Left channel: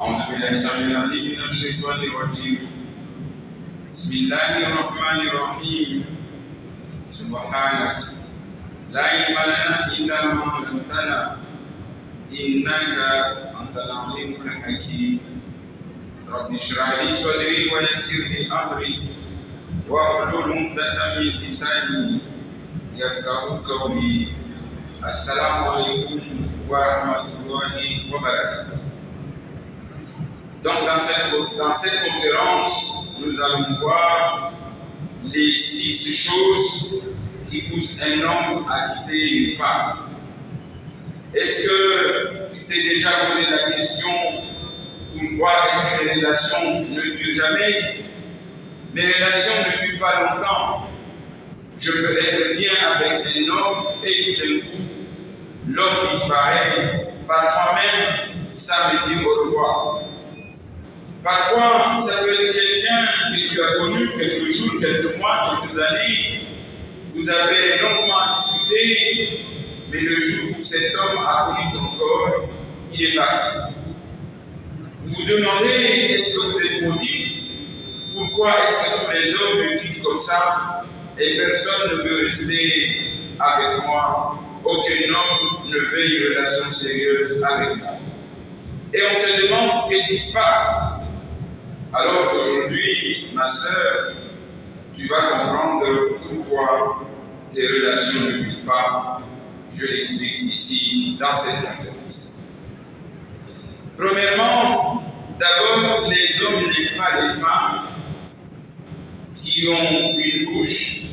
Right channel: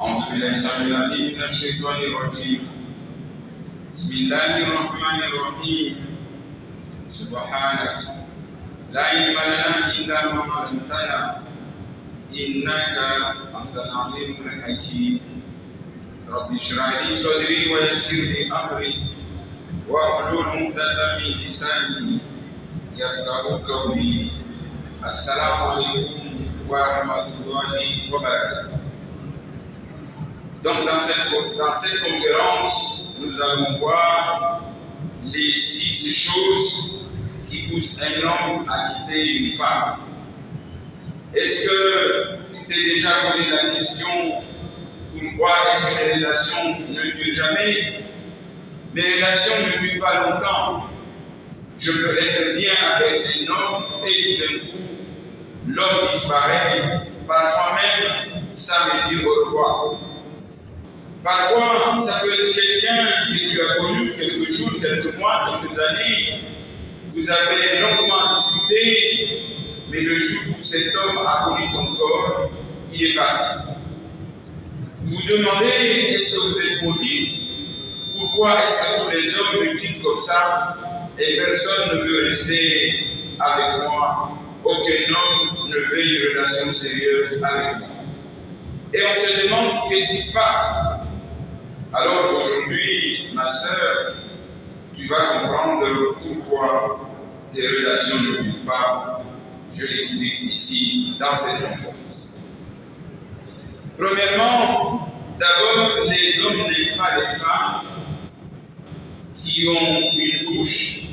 أعوذ بالله السميع العليم من الشيطان الرجيم. بسم الله الرحمن الرحيم. سبحانك لا علم لنا إلا ما علمتنا إنك أنت العليم الحكيم. رب اشرح لي صدري ويسر لي أمري واحلل عقدة من لساني يفقهوا قولي. السلام عليكم ورحمة الله وبركاته. Donc dans cette conférence, nous allons voir les 6 choses qui poussent un homme à quitter une femme. Est-ce que tu t'es déjà posé la question pourquoi est-ce que les relations ne durent jamais? Mes relations ne durent pas longtemps. Je peux être bien avec un homme et tout d'un coup, l'homme disparaît. Parfois même, ça me dit au revoir. Parfois, ça peut être quelqu'un que tu as connu quelques jours, quelques mois, quelques années. Vous avez longuement discuté, mais le jour où cet homme a connu ton corps, il est parti. Vous vous demandez, est-ce que vous êtes maudite? Pourquoi est-ce que tous les hommes me quittent comme ça et personne ne veut rester avec moi? Aucun homme ne veut une relation sérieuse avec moi. Et on se demande qu'est-ce qui se passe. Alors aujourd'hui, ma sœur, tu vas comprendre pourquoi tes relations ne durent pas. Je l'explique ici dans cette conférence. Premièrement, d'abord, les hommes n'aiment pas les femmes qui ont une bouche,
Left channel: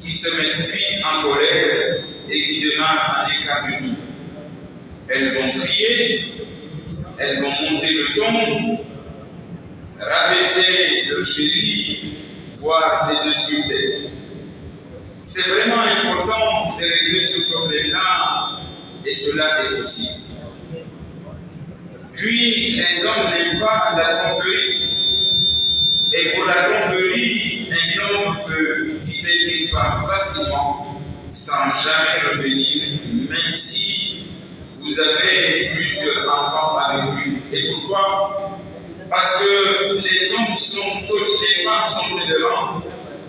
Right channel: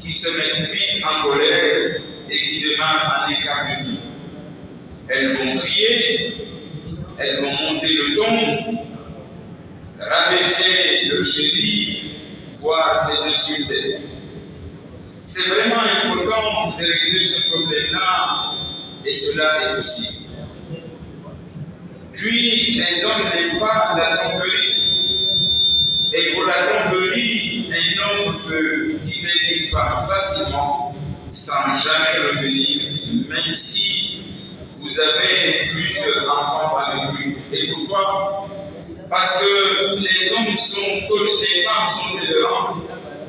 qui se mettent vite en colère et qui demandent un écart de tout. Elles vont crier, elles vont monter le ton, rabaisser le chéri, voire les insulter. C'est vraiment important de régler ce problème-là et cela est possible. Puis, les hommes n'aiment pas la tromperie. Et pour la tromperie, un homme peut quitter une femme facilement sans jamais revenir, même si vous avez plusieurs enfants avec lui. Et pourquoi? Parce que les femmes sont tolérantes,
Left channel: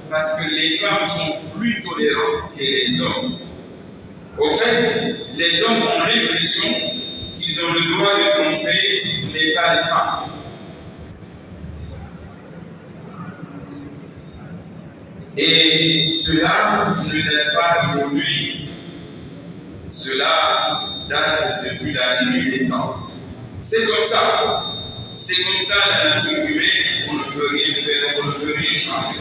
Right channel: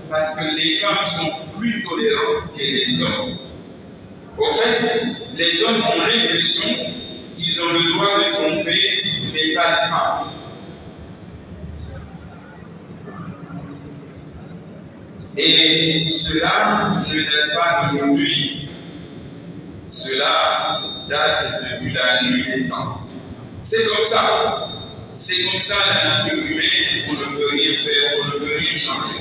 parce que les femmes sont plus tolérantes que les hommes. Au fait, les hommes ont l'impression qu'ils ont le droit de tromper, mais pas les femmes. Et cela ne date pas d'aujourd'hui, cela date depuis la nuit des temps. C'est comme ça. C'est comme ça la nature humaine, on ne peut rien faire, on ne peut rien changer.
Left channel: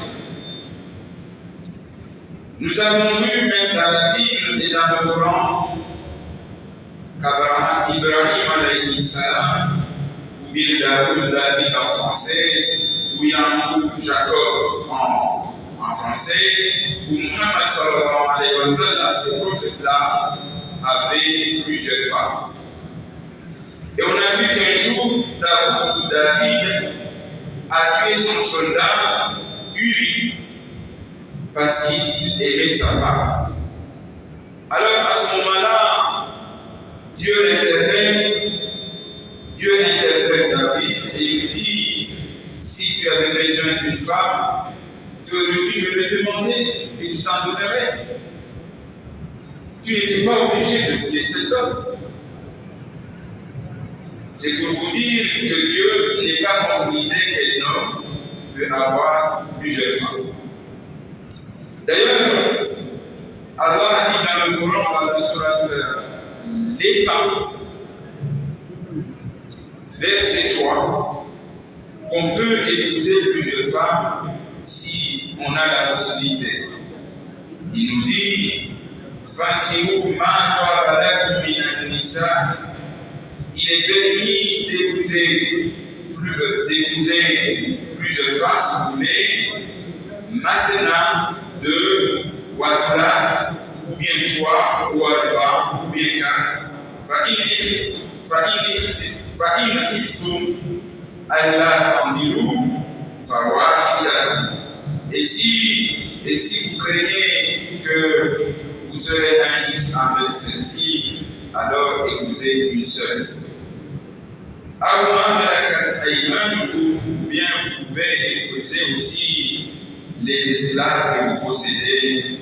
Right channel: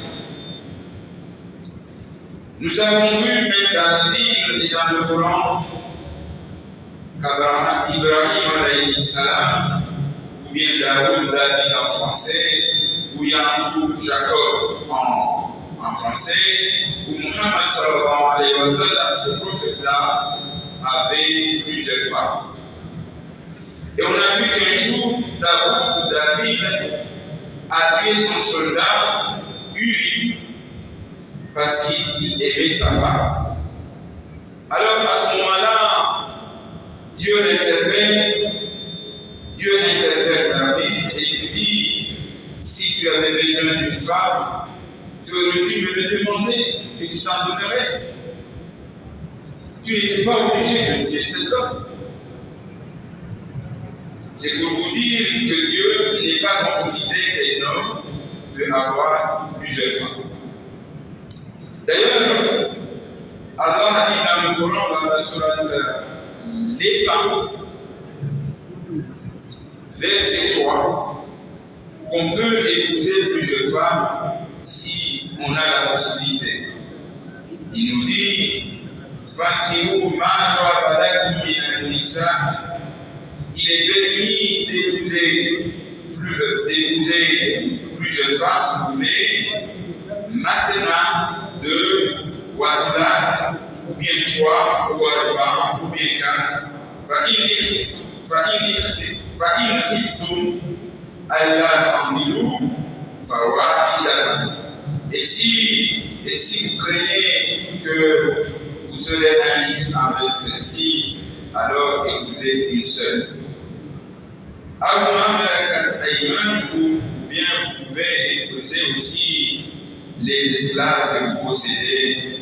Nous avons vu même dans la Bible et dans le Coran qu'Abraham, Ibrahim alayhi salam, ou bien David en français, ou Yacoub, Jacob en français, ou Muhammad sallallahu alayhi wa sallam, ces prophètes-là avaient plusieurs femmes. Et on a vu qu'un jour, David a tué son soldat, Uri, parce qu'il aimait sa femme. Alors à ce moment-là, Dieu interpelle David et lui dit, si tu avais besoin d'une femme, tu aurais dû me le demander et je t'en donnerais. Tu n'étais pas obligé de tuer cet homme. C'est pour vous dire que Dieu n'est pas contre l'idée qu'un homme peut avoir plusieurs femmes. D'ailleurs, Allah a dit dans le Coran, dans la sourate les femmes, verset 3, qu'on peut épouser plusieurs femmes si on a la possibilité. Il nous dit Fankihu ma taba lakum minan nisa. Il est permis d'épouser plusieurs femmes, si vous voulez, maintenant 2, ou 3, ou bien 3, ou 4, ou bien 4. فَإِنْ خِفْتُمْ أَلَّا تَعْدِلُوا فَوَاحِدَةً. Et si vous craignez que vous serez injuste avec celle-ci, alors épousez une seule. ou bien vous pouvez épouser aussi les esclaves que vous possédez,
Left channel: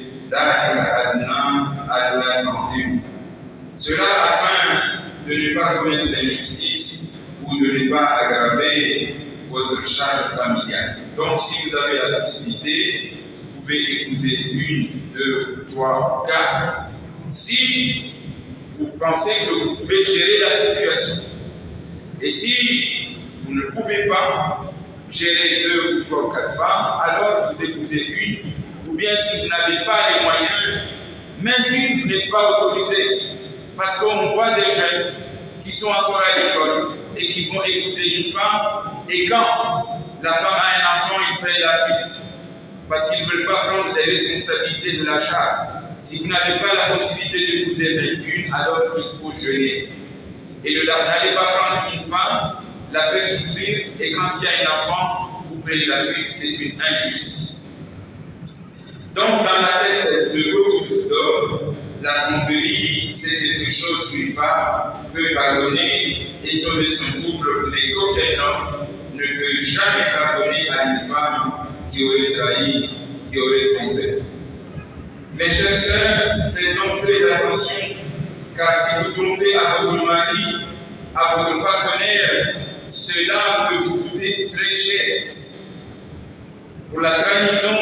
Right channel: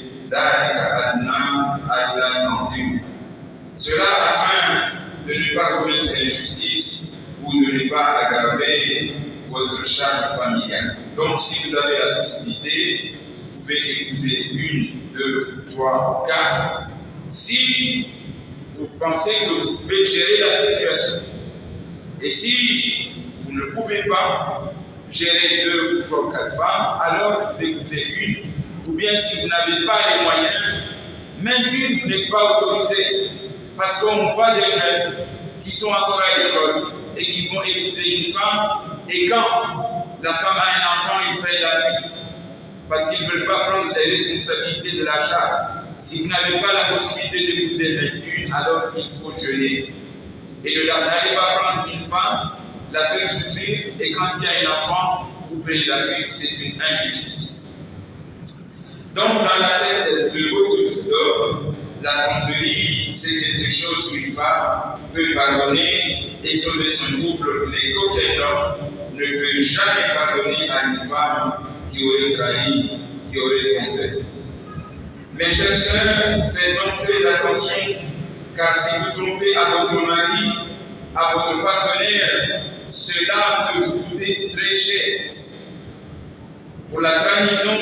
cela afin de ne pas commettre l'injustice ou de ne pas aggraver votre charge familiale. Donc, si vous avez la possibilité, vous pouvez épouser 1, 2, 3, 4. Si vous pensez que vous pouvez gérer la situation. Et si vous ne pouvez pas gérer 2 ou 3 ou 4 femmes, alors vous épousez 1. Ou bien si vous n'avez pas les moyens, même 1, vous n'êtes pas autorisé. Parce qu'on voit des jeunes qui sont encore à l'école et qui vont épouser une femme, et quand la femme a un enfant, ils prennent la fuite. Parce qu'ils ne veulent pas prendre les responsabilités de la charge. Si vous n'avez pas la possibilité d'épouser même 1, alors il faut jeûner. Et n'allez pas prendre une femme, la faire souffrir, et quand il y a un enfant, vous prenez la fuite, c'est une injustice. Donc, dans la tête de beaucoup d'hommes, la tromperie, c'est quelque chose qu'une femme peut pardonner et sauver son couple, mais qu'aucun homme ne peut jamais pardonner à une femme qui aurait trahi, qui aurait trompé. Mes chers sœurs, faites donc très attention, car si vous trompez à votre mari, à votre partenaire, cela peut vous coûter très cher. Pour la trahison,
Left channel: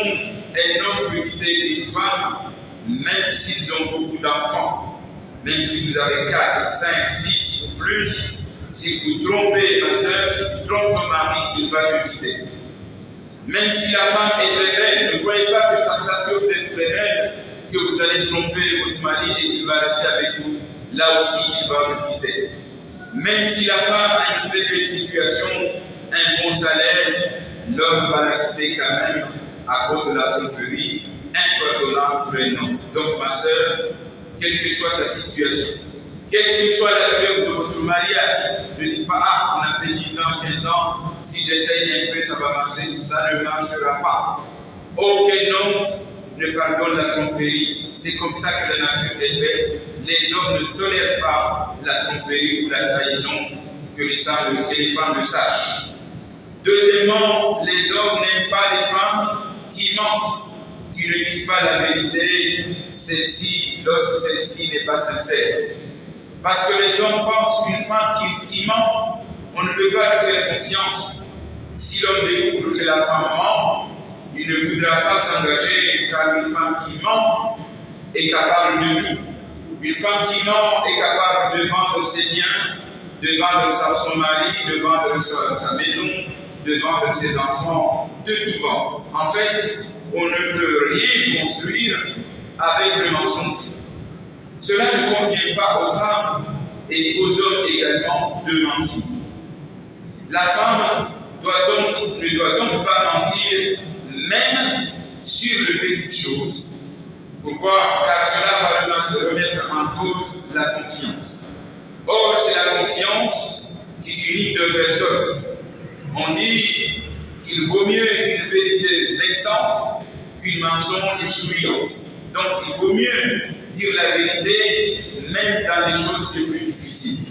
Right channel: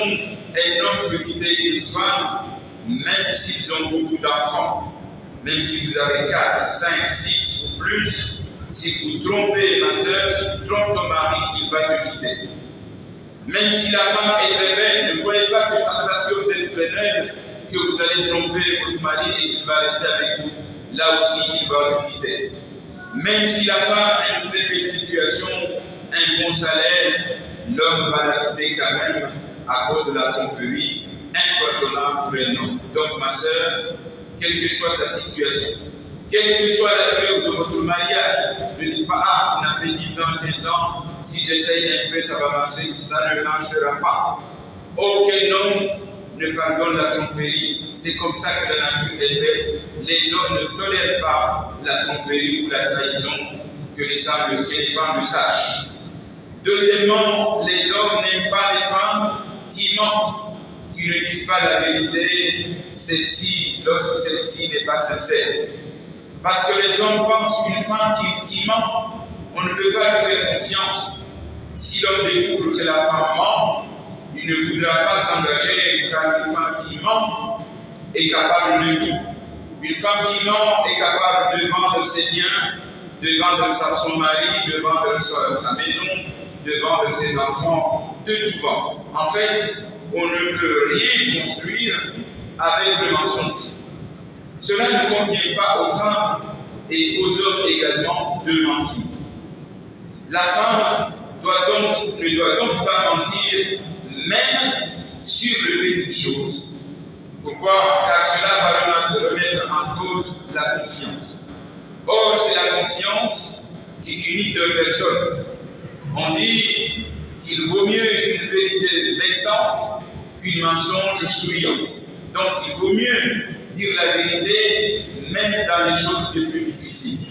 un homme peut quitter une femme, même s'ils ont beaucoup d'enfants. Même si vous avez 4, 5, 6 ou plus, si vous trompez ma soeur, si tu trompes ton mari, il va te quitter. Même si la femme est très belle, ne croyez pas que ça parce que vous êtes très belle, que vous allez tromper votre mari et qu'il va rester avec vous. Là aussi, il va vous quitter. Même si la femme a une très belle situation, un bon salaire, l'homme va la quitter quand même à cause de la tromperie, impardonnable pour un homme. Donc, ma soeur, quelle que soit ta situation, quelle que soit la durée de votre mariage, ne dites pas, on a fait 10 ans, 15 ans, si j'essaye un peu, ça va marcher, ça ne marchera pas. Aucun homme ne pardonne la tromperie. C'est comme ça que la nature est faite. Les hommes ne tolèrent pas la tromperie ou la trahison, que les femmes le sachent. Deuxièmement, les hommes n'aiment pas les femmes qui mentent, qui ne disent pas la vérité, lorsque celle-ci n'est pas sincère. Parce que les hommes pensent qu'une femme qui ment, on ne peut pas lui faire confiance. Si l'homme découvre que la femme ment, il ne voudra pas s'engager, car une femme qui ment est capable de tout. Une femme qui ment est capable de vendre ses biens, de vendre son mari, de vendre sa maison, de vendre ses enfants, de tout vendre. En fait, on ne peut rien construire avec le mensonge. Cela ne convient pas aux femmes et aux hommes également de mentir. La femme ne doit donc pas mentir, même sur les petites choses. Pourquoi? Car cela va remettre en cause la confiance. Or, c'est la confiance qui unit deux personnes. On dit qu'il vaut mieux une vérité vexante qu'une mensonge souriante. Donc, il vaut mieux dire la vérité, même dans les choses les plus difficiles.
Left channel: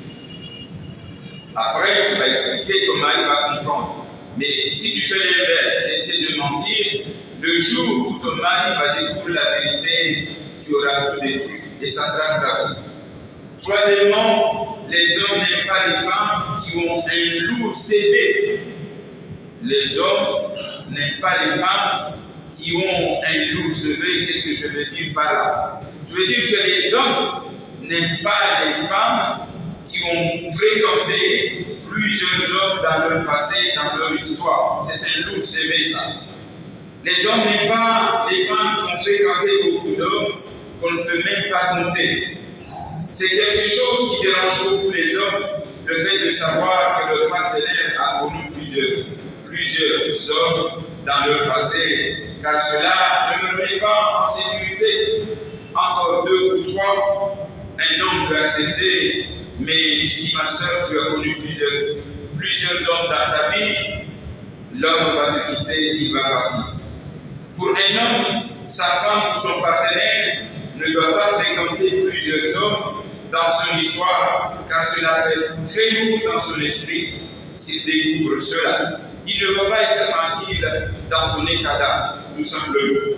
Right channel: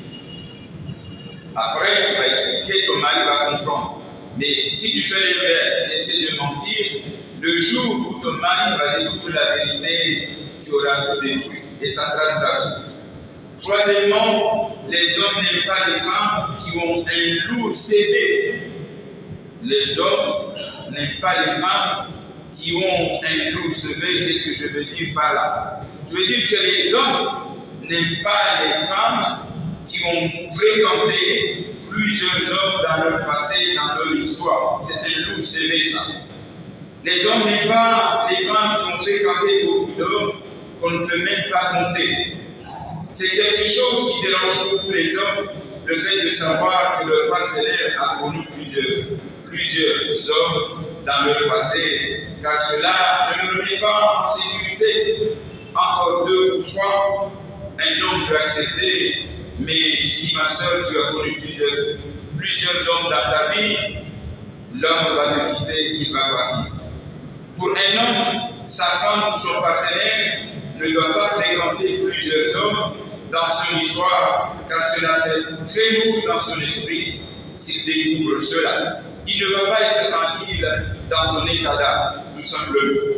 Après, tu vas expliquer, ton mari va comprendre. Mais si tu fais l'inverse, essaie de mentir, le jour où ton mari va découvrir la vérité, tu auras tout détruit. Et ça sera ta faute. Troisièmement, les hommes n'aiment pas les femmes qui ont un lourd CV. Les hommes n'aiment pas les femmes qui ont un lourd CV. Qu'est-ce que je veux dire par là? Je veux dire que les hommes n'aiment pas les femmes qui ont fréquenté plusieurs hommes dans leur passé, dans leur histoire. C'est un lourd CV, ça. Les hommes n'aiment pas les femmes qui ont fréquenté beaucoup d'hommes qu'on ne peut même pas compter. C'est quelque chose qui dérange beaucoup les hommes, le fait de savoir que leur partenaire a connu plusieurs hommes dans leur passé, car cela ne le met pas en sécurité. Encore 2 ou 3, un homme peut accepter, mais si ma soeur, tu as connu plusieurs hommes dans ta vie, l'homme va te quitter, il va partir. Pour un homme, sa femme ou son partenaire ne doit pas fréquenter plusieurs hommes, dans son histoire, car cela pèse très lourd dans son esprit s'il découvre cela. Il ne va pas être tranquille dans son état d'âme, tout simplement.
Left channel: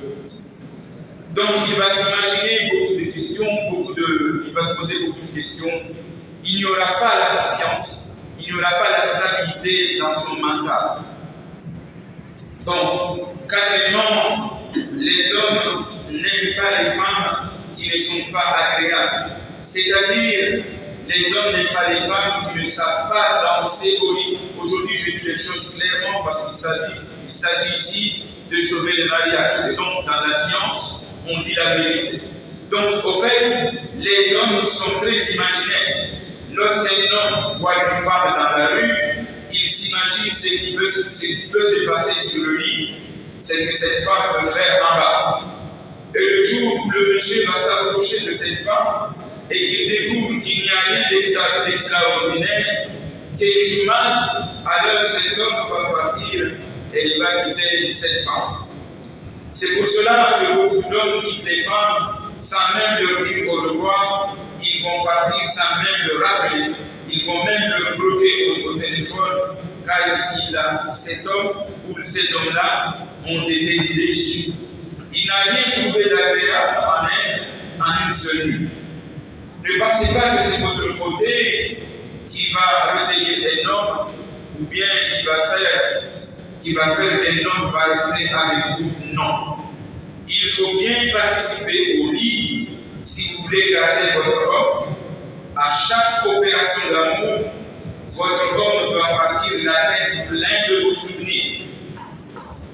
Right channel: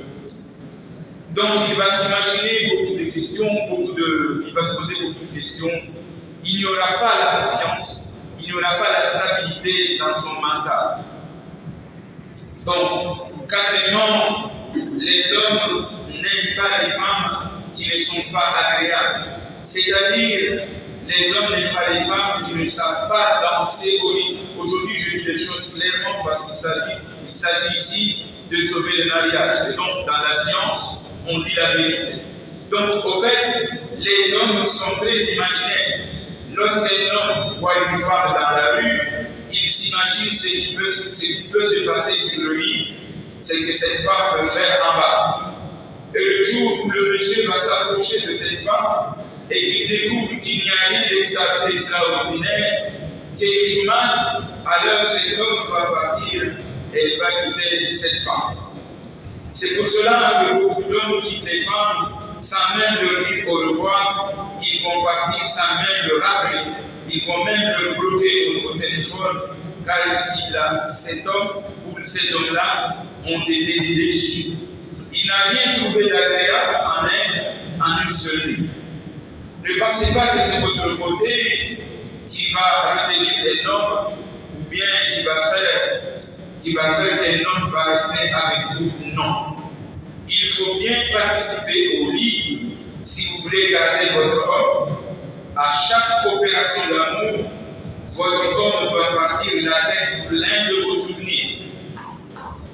Donc il va s'imaginer beaucoup de questions, il va se poser beaucoup de questions. Il n'y aura pas la confiance, il n'y aura pas la stabilité dans son mental. Donc, quatrièmement, les hommes n'aiment pas les femmes qui ne sont pas agréables. C'est-à-dire, les hommes n'aiment pas les femmes qui ne savent pas danser au lit. Aujourd'hui, je dis les choses clairement parce qu'il s'agit ici de sauver le mariage. Et donc, dans la science, on dit la vérité. Donc, au fait, les hommes sont très imaginaires. Lorsqu'un homme voit une femme dans la rue, il s'imagine ce qui peut se passer sur le lit, c'est que cette femme peut faire en bas. Et le jour où le monsieur va s'approcher de cette femme et qu'il découvre qu'il n'y a rien d'extraordinaire, qu'elle joue mal, alors cet homme va partir et il va quitter cette femme. C'est pour cela que beaucoup d'hommes quittent les femmes sans même leur dire au revoir. Ils vont partir sans même le rappeler. Ils vont même le bloquer au téléphone, car cet homme ou ces hommes-là ont été déçus. Il n'a rien trouvé d'agréable en elle en une seule nuit. Ne pensez pas que c'est votre côté qui va retenir un homme ou bien qui va faire qu'un homme va rester avec vous. Non. Il faut bien participer au lit si vous voulez garder votre homme. À chaque opération d'amour, votre homme doit partir la tête pleine de vos souvenirs.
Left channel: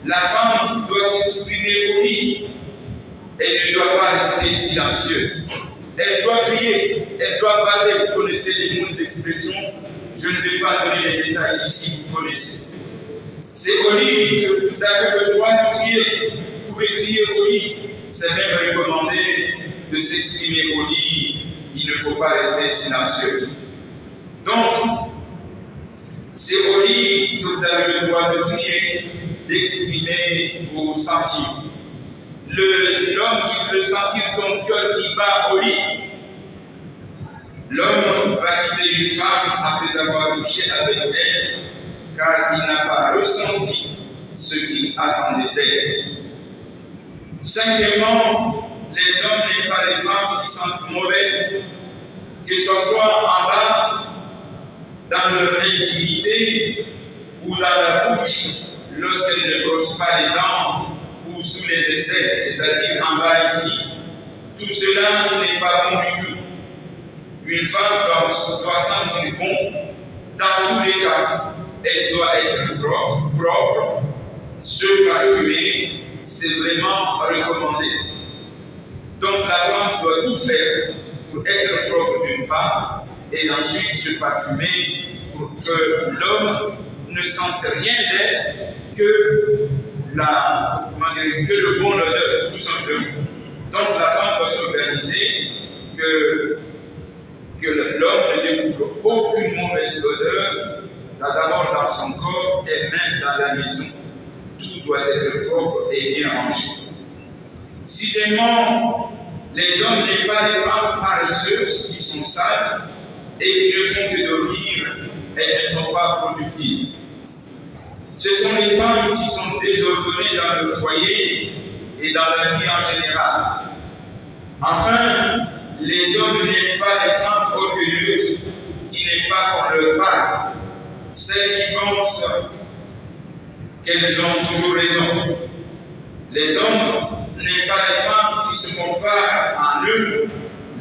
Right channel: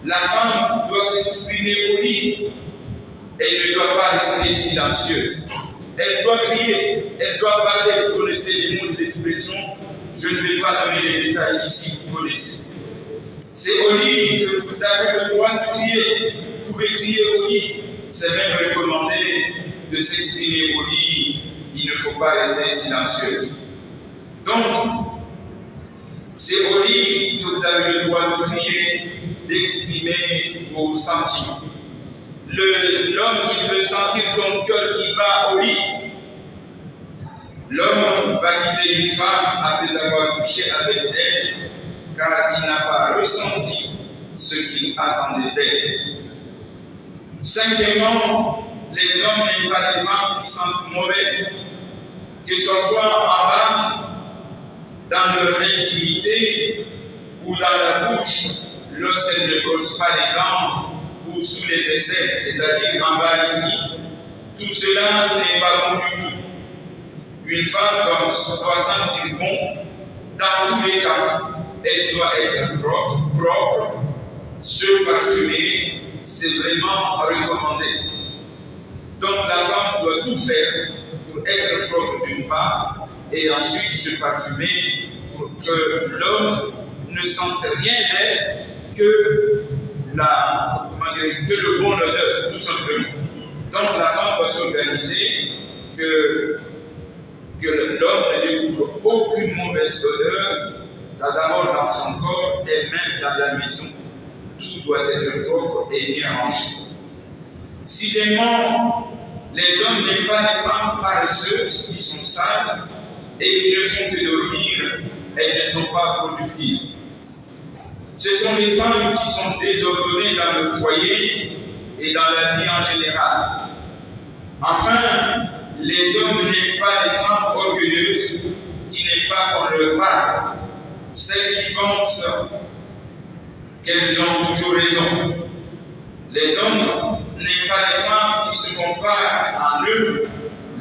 La femme doit s'exprimer au lit. Elle ne doit pas rester silencieuse. Elle doit crier, elle doit parler. Vous connaissez les mots, les expressions. Je ne vais pas donner les détails ici, vous connaissez. C'est au lit que vous avez le droit de crier. Vous pouvez crier au lit. C'est même recommandé de s'exprimer au lit. Il ne faut pas rester silencieux. Donc, c'est au lit que vous avez le droit de crier, d'exprimer vos sentiments. L'homme, il veut sentir ton cœur qui bat au lit. L'homme va quitter une femme après avoir couché avec elle, car il n'a pas ressenti ce qu'il attendait d'elle. Cinquièmement, les hommes n'aiment pas les femmes qui sentent mauvaises, que ce soit en bas, dans leur intimité, ou dans la bouche, lorsqu'elles ne brossent pas les dents, ou sous les aisselles, c'est-à-dire en bas ici. Tout cela n'est pas bon du tout. Une femme doit sentir bon dans tous les cas. Elle doit être propre, se parfumer, c'est vraiment recommandé. Donc la femme doit tout faire pour être propre d'une part et ensuite se parfumer pour que l'homme ne sente rien d'elle que le bon odeur, tout simplement. Donc la femme doit s'organiser que l'homme ne découvre aucune mauvaise odeur, d'abord dans son corps et même dans la maison. Tout doit être propre et bien rangé. Sixièmement, les hommes n'aiment pas les femmes paresseuses qui sont sales et qui ne font que dormir, elles ne sont pas productives. Ce sont les femmes qui sont désordonnées dans le foyer et dans la vie en général. Enfin, les hommes n'aiment pas les femmes orgueilleuses qui n'aiment pas qu'on leur parle, celles qui pensent qu'elles ont toujours raison. Les hommes n'aiment pas les femmes qui se comparent en eux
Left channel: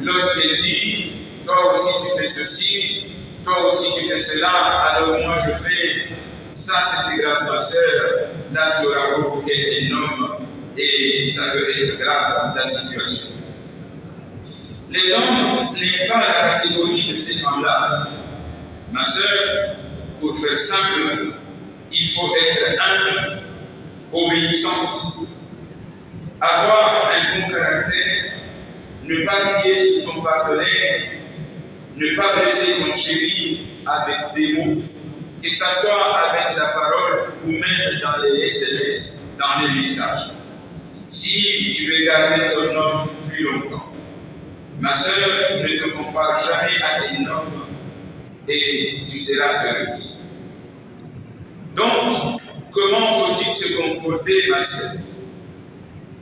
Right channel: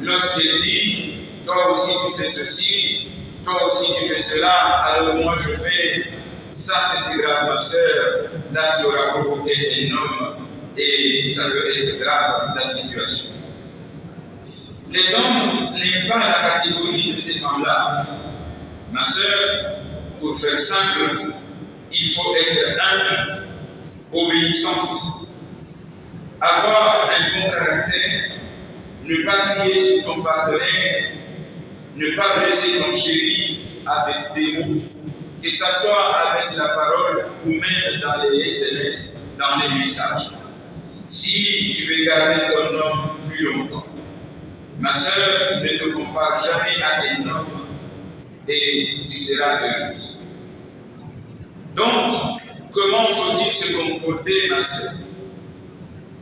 lorsqu'elles disent « toi aussi tu fais ceci, toi aussi tu fais cela, alors moi je fais ça, c'était grave ma soeur, là tu auras provoqué un homme et ça peut être grave la situation. » Les hommes n'aiment pas la catégorie de ces femmes-là. Ma soeur, pour faire simple, il faut être humble, obéissante, avoir un bon caractère, ne pas crier sur ton partenaire, ne pas blesser ton chéri avec des mots, que ce soit avec la parole ou même dans les SMS, dans les messages. Si tu veux garder ton homme plus longtemps, Ma sœur, ne te compare jamais à un homme et tu seras heureuse. Donc, comment faut-il se comporter, ma sœur?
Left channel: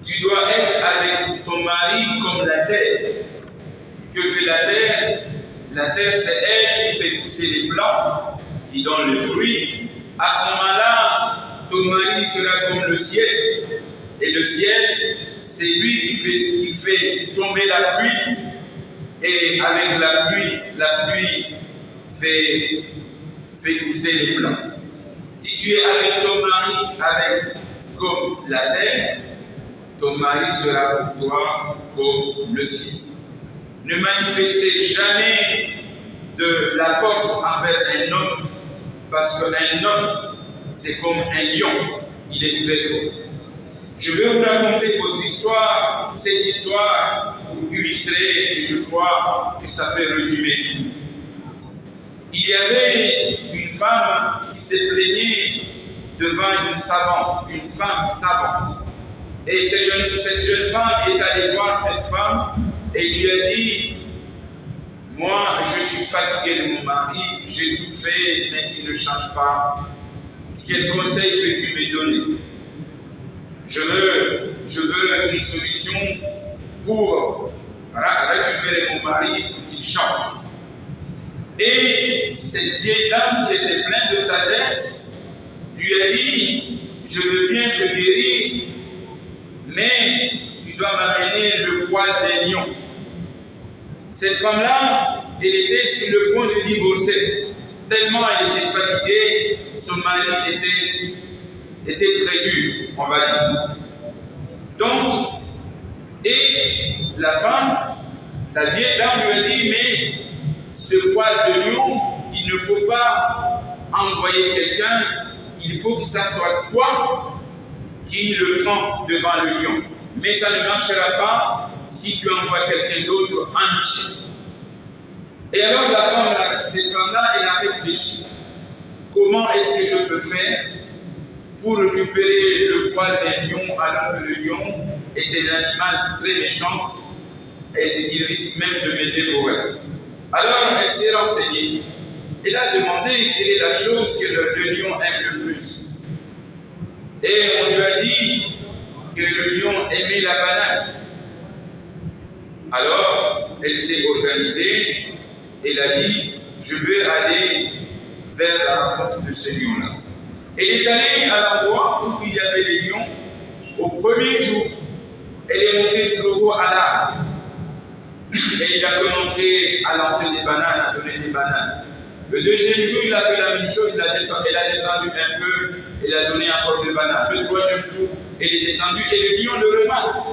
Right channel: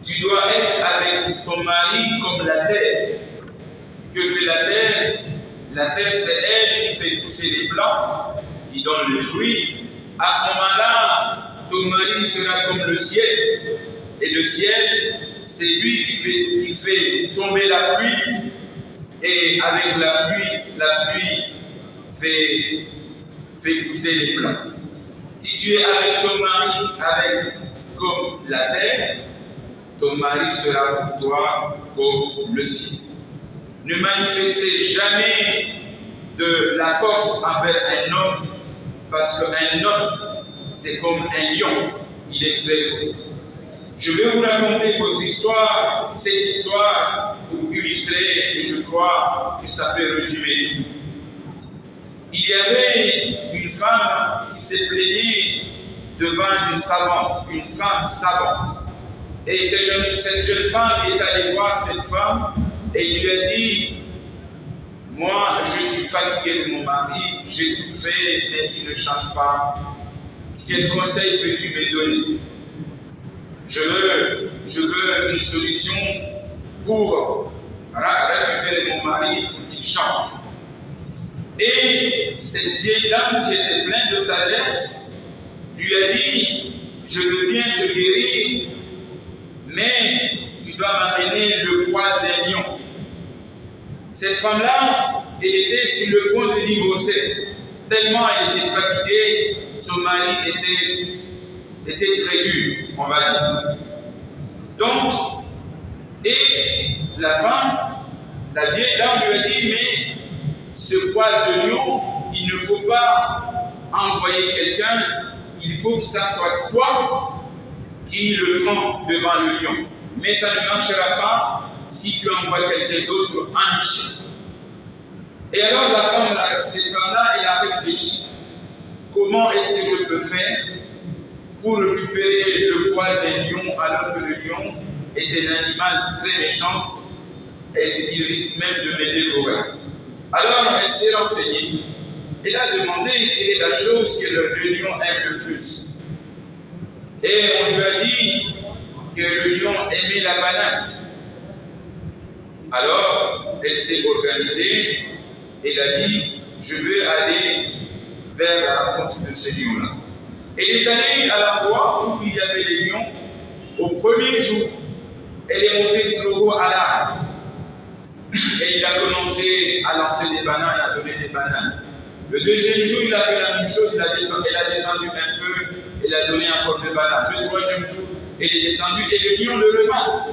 Tu dois être avec ton mari comme la terre. Que fait la terre? La terre, c'est elle qui fait pousser les plantes, qui donnent le fruit. À ce moment-là, ton mari sera comme le ciel. Et le ciel, c'est lui qui fait tomber la pluie. Et avec la pluie fait pousser les plantes. Si tu es avec ton mari comme la terre, ton mari sera pour toi comme le ciel. Ne manifestez jamais de la force envers un homme, parce qu'un homme, c'est comme un lion, il est très fort. Je vais vous raconter votre histoire, cette histoire, pour illustrer, et je crois que ça peut résumer tout. Il y avait une femme qui s'est plaignée devant une savante, une femme savante. Et cette jeune femme est allée voir cette femme et lui a dit: moi, je suis fatiguée de mon mari, j'ai tout fait, mais il ne change pas. Quel conseil peux-tu me donner? Je veux une solution pour récupérer mon mari pour qu'il change. Et cette vieille dame qui était pleine de sagesse lui a dit: je veux bien te guérir, mais tu dois m'amener le poil d'un lion. Cette femme-là, elle était sur le point de divorcer, tellement elle était fatiguée, son mari était très dur, on va dire. Donc, et la femme, la vieille dame lui a dit: mais ce poil de lion, il ne faut pas envoyer quelqu'un, il faut que ça soit toi qui le prend devant le lion. Mais ça ne marchera pas si tu envoies quelqu'un d'autre en mission. Et alors cette femme-là, elle a réfléchi. Comment est-ce que je peux faire pour récupérer le poil d'un lion alors que le lion est un animal très méchant et il risque même de me dévorer? Alors elle s'est renseignée. Elle a demandé quelle est la chose que le lion aime le plus. Et on lui a dit que le lion aimait la banane. Alors elle s'est organisée. Elle a dit: je veux aller vers la rencontre de ce lion-là. Elle est allée à l'endroit où il y avait les lions. Au premier jour, elle est montée trop haut à l'arbre. Et il a commencé à lancer des bananes, à donner des bananes. Le deuxième jour, il a fait la même chose, elle a descendu un peu, elle a donné encore des bananes. Le troisième tour, elle est descendue et le lion le remarque.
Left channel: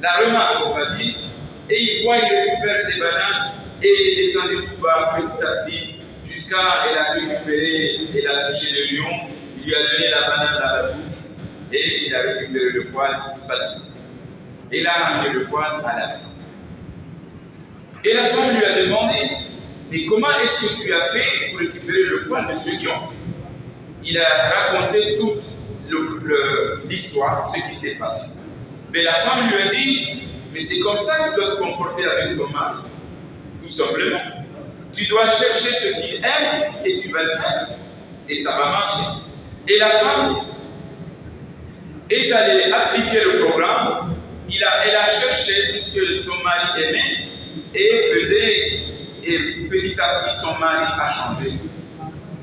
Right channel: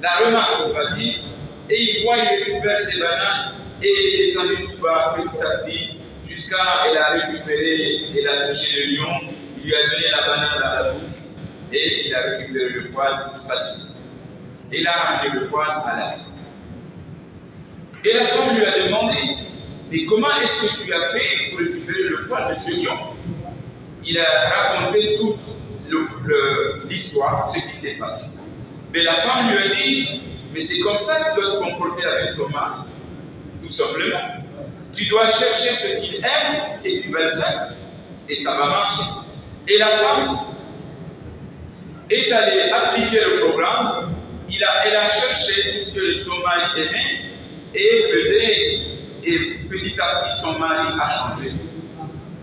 La remarque, on va dire, et il voit, il récupère ses bananes et il est descendu tout bas, petit à petit, jusqu'à elle a récupéré, elle a touché le lion, il lui a donné la banane dans la bouche et il a récupéré le poil facile. Il a ramené le poil à la fin. Et la femme lui a demandé: mais comment est-ce que tu as fait pour récupérer le poil de ce lion? Il a raconté toute l'histoire, ce qui s'est passé. Mais la femme lui a dit: mais c'est comme ça que tu dois te comporter avec ton mari. Tout simplement. Tu dois chercher ce qu'il aime et tu vas le faire. Et ça va marcher. Et la femme est allée appliquer le programme. Elle a cherché tout ce que son mari aimait et faisait. Et petit à petit, son mari a changé.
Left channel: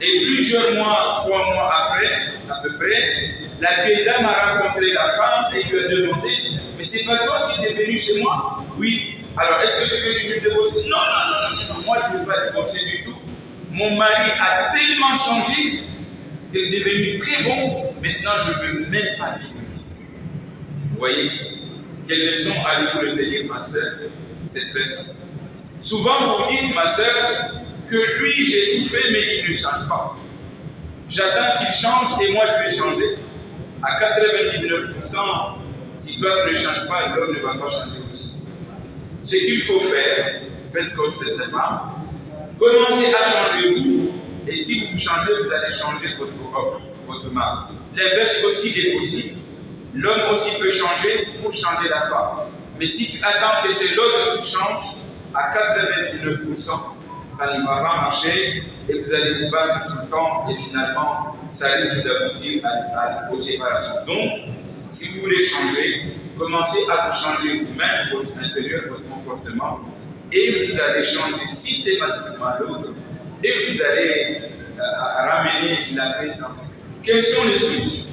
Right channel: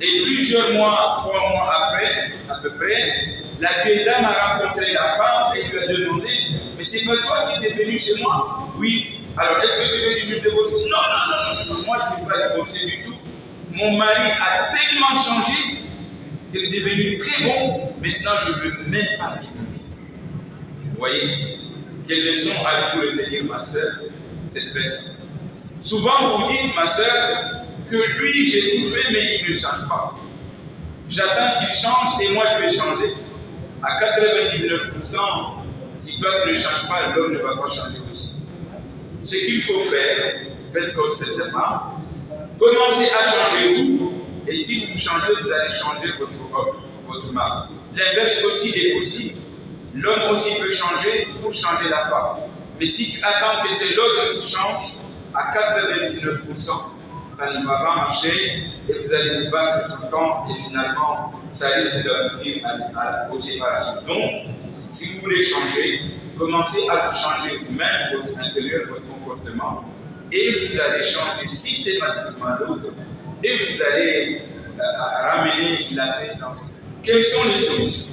Et plusieurs mois, 3 mois après, à peu près, la vieille dame a rencontré la femme et lui a demandé: mais c'est pas toi qui es venu chez moi? Oui. Alors, est-ce que tu veux que je divorce? Non, moi je ne veux pas divorcer du tout. Mon mari a tellement changé qu'il est devenu très bon. Maintenant, je ne veux même pas vivre. Vous voyez? Quelle leçon allez-vous retenir, ma soeur? C'est très simple. Souvent, vous dites, ma soeur, que lui, j'ai tout fait, mais il ne change pas. J'attends qu'il change et moi, je vais changer. À 99%, si toi, tu ne changes pas, l'homme ne va pas changer aussi. Ce qu'il faut faire, faites comme cette femme, commencez à changer vous, et si vous changez, vous allez changer votre mari. L'inverse aussi est possible. L'homme aussi peut changer pour changer la femme. Mais si tu attends que c'est l'autre qui change, à 99%, ça ne va pas marcher et vous allez vous battre tout le temps et finalement, ça risque d'aboutir aux séparations. Donc, si vous voulez changer, commencez à vous changer vous-même, votre intérieur, votre comportement, et vous allez changer systématiquement l'autre et vous allez ramener la paix dans votre vie. Quelles sont les solutions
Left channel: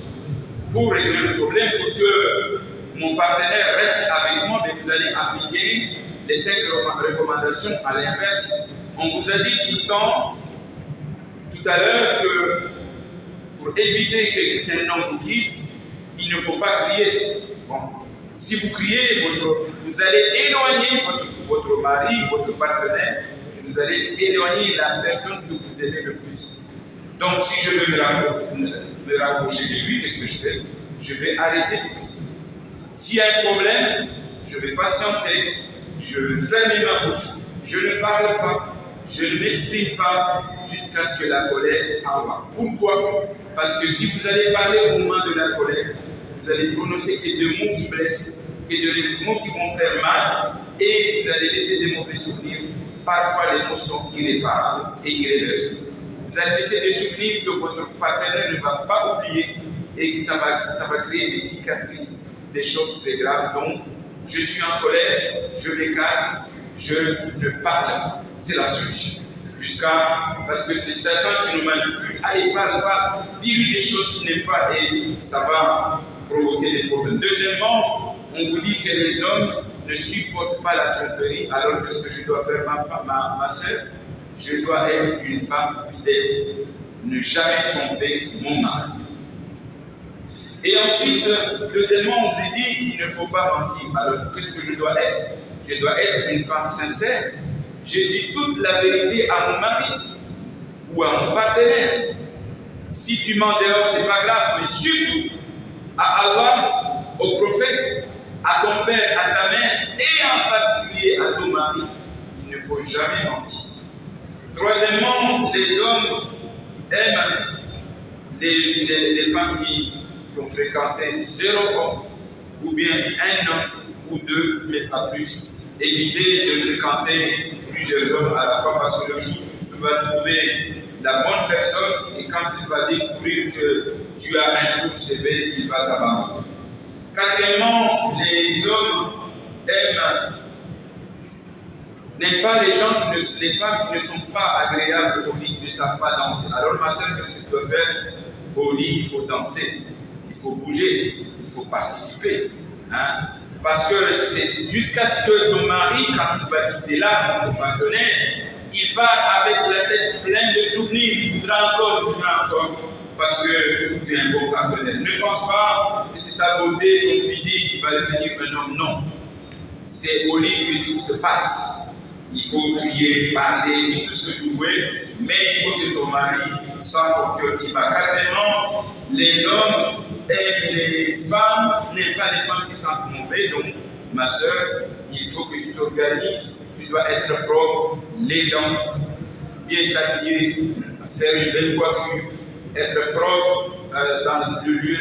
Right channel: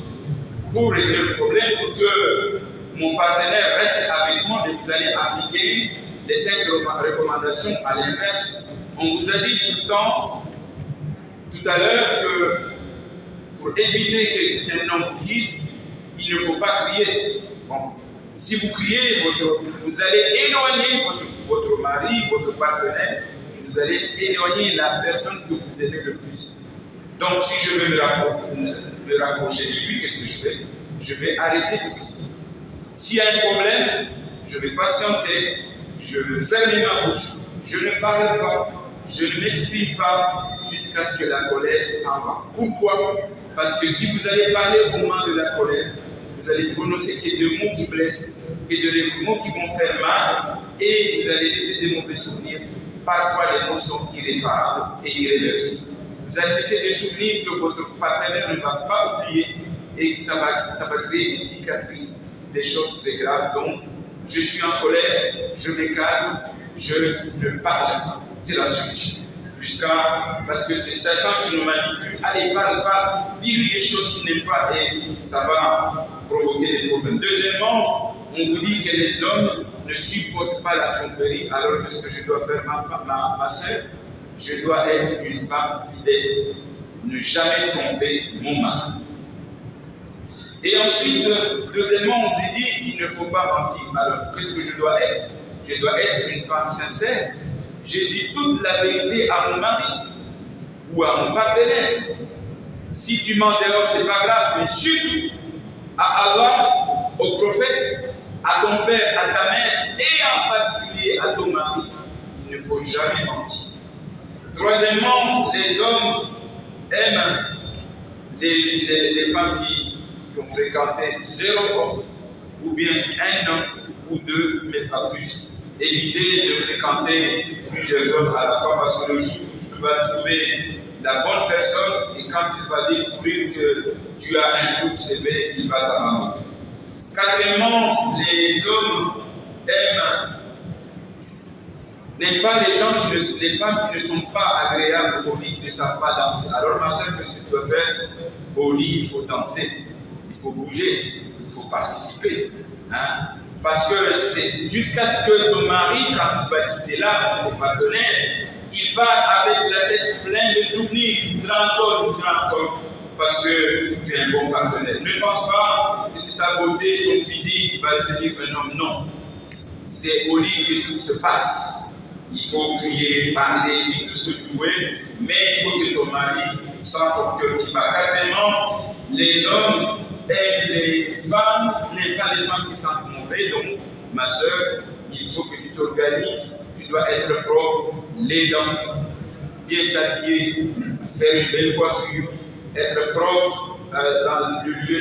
pour régler le problème, pour que mon partenaire reste avec moi, mais vous allez appliquer les 5 recommandations à l'inverse. On vous a dit tout le temps, tout à l'heure, que pour éviter qu'un homme vous quitte, il ne faut pas crier. Bon, si vous criez, vous allez éloigner votre mari, votre partenaire, vous allez éloigner la personne que vous aimez le plus. Donc, si je veux me rapprocher de lui, qu'est-ce que je fais? Je vais arrêter de crier. S'il y a un problème, je vais patienter, je vais fermer ma bouche, je ne parle pas, je ne m'exprime pas jusqu'à ce que la colère s'en va. Pourquoi? Parce que si vous allez parler au moment de la colère, vous allez prononcer que des mots qui blessent, que des mots qui vont faire mal, et vous allez laisser des mauvais souvenirs. Parfois, les mots sont irréparables et irréversibles. Vous allez laisser des souvenirs que votre partenaire ne va pas oublier et que ça va créer des cicatrices, des choses très graves. Donc, je suis en colère, je me calme, je ne parle pas. C'est la solution. Parce que c'est Satan qui nous manipule. Allez, parle, dis-lui des choses qu'il n'aime pas et ça va provoquer des problèmes. Deuxièmement, on vous dit que les hommes ne supportent pas la tromperie, alors que ce que je dois faire, ma soeur, je dois être une femme fidèle, ne jamais tromper mon mari. Et ensuite, deuxièmement, on vous dit qu'il ne faut pas mentir. Alors, qu'est-ce que je dois être? Je dois être une femme sincère. Je dis toute la vérité à mon mari ou à mon partenaire. Si tu mens dehors, c'est pas grave, mais surtout à Allah, au prophète, à ton père, à ta mère et en particulier à ton mari, il ne faut jamais mentir. Troisièmement, les hommes aiment les femmes qui ont fréquenté 0 homme ou bien 1 homme ou 2, mais pas plus. Évitez de fréquenter plusieurs hommes à la fois parce que le jour où tu vas trouver la bonne personne et quand il va découvrir que tu as un coup de CV, il va t'abandonner. Quatrièmement, les hommes n'aiment pas les femmes qui ne sont pas agréables au lit, qui ne savent pas danser. Alors ma soeur, qu'est-ce que tu dois faire? Au lit, il faut danser, il faut bouger, il faut participer. Hein? Parce que c'est jusqu'à ce que ton mari, quand il va quitter là, ton partenaire, il part avec la tête pleine de souvenirs. Il voudra encore, parce que tu es un bon partenaire. Ne pense pas que c'est ta beauté, ton physique qui va devenir un homme. Non. C'est au lit que tout se passe. Il faut crier, parler, dire tout ce que tu veux, mais il faut que ton mari sente ton cœur qui bat. Quatrièmement, les hommes aiment les femmes, n'aiment pas les femmes qui sentent mauvais. Donc, ma soeur, il faut que tu t'organises. Tu dois être propre, les dents, bien s'habiller, faire une belle coiffure, être propre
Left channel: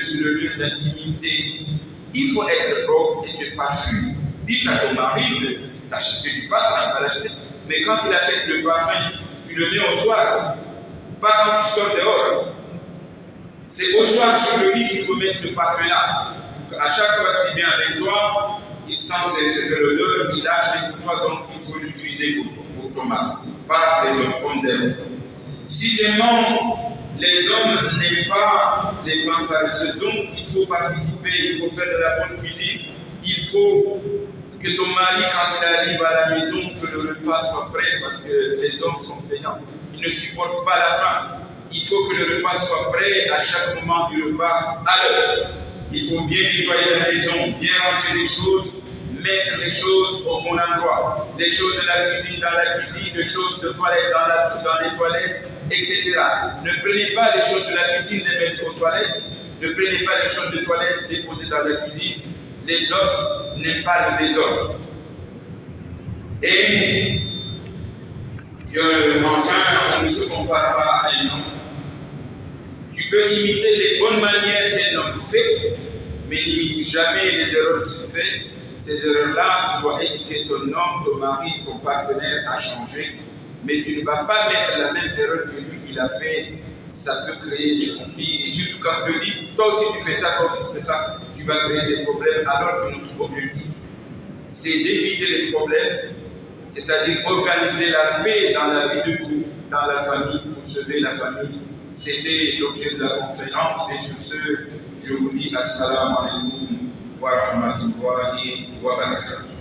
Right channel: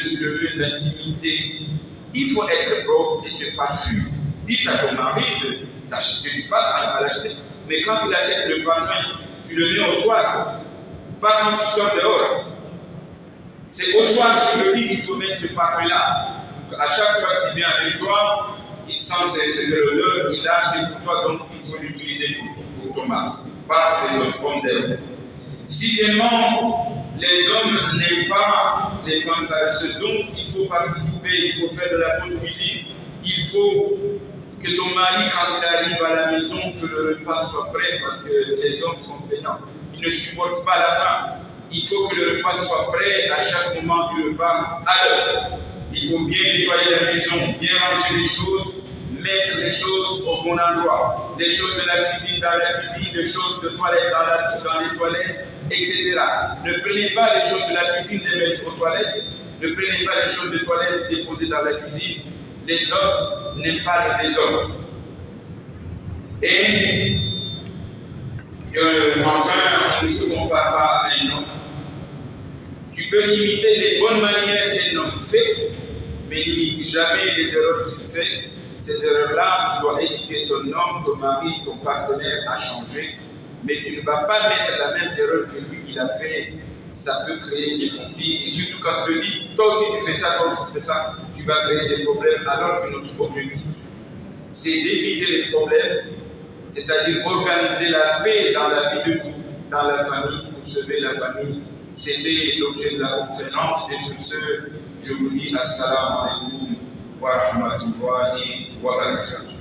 sur le lieu d'intimité. Il faut être propre et se parfumer. Dites à ton mari d'acheter du parfum, il va l'acheter. Mais quand il achète le parfum, tu le mets au soir, pas quand tu sors dehors. C'est au soir sur le lit qu'il faut mettre ce parfum-là. À chaque fois qu'il vient avec toi, il sent cette odeur, il a acheté pour toi, donc il faut l'utiliser pour ton mari, pas les autres hommes d'elle. Sixièmement, les hommes n'aiment pas les femmes paresseuses, donc il faut participer, il faut faire de la bonne cuisine, il faut que ton mari, quand il arrive à la maison, que le repas soit prêt, parce que les hommes sont feignants, ils ne supportent pas la faim. Il faut que le repas soit prêt à chaque moment du repas à l'heure. Il faut bien nettoyer la maison, bien ranger les choses, mettre les choses au bon endroit. Les choses de la cuisine dans la cuisine, les choses de toilette dans les toilettes, etc. Ne prenez pas les choses de la cuisine, les mettre aux toilettes. Ne prenez pas les choses de toilette déposées dans la cuisine. Les hommes n'aiment pas le désordre. Et enfin, on ne se compare pas à un homme. Tu peux imiter les bonnes manières qu'un homme fait, mais n'imite jamais les erreurs qu'il fait. Ces erreurs-là, tu dois éduquer ton homme, ton mari, ton partenaire à changer, mais tu ne vas pas mettre la même erreur que lui, il a fait. Ça peut créer des conflits, et surtout quand tu le dis, toi aussi tu fais ça, toi aussi tu fais ça, tu vas créer des problèmes, alors que notre objectif, c'est d'éviter les problèmes, c'est-à-dire organiser la paix dans la vie de couple, dans la famille, pour sauver la famille. C'était l'objet de la conférence, et sur ce, je vous dis assalamu alaikum wa rahmatullahi wa barakatuh.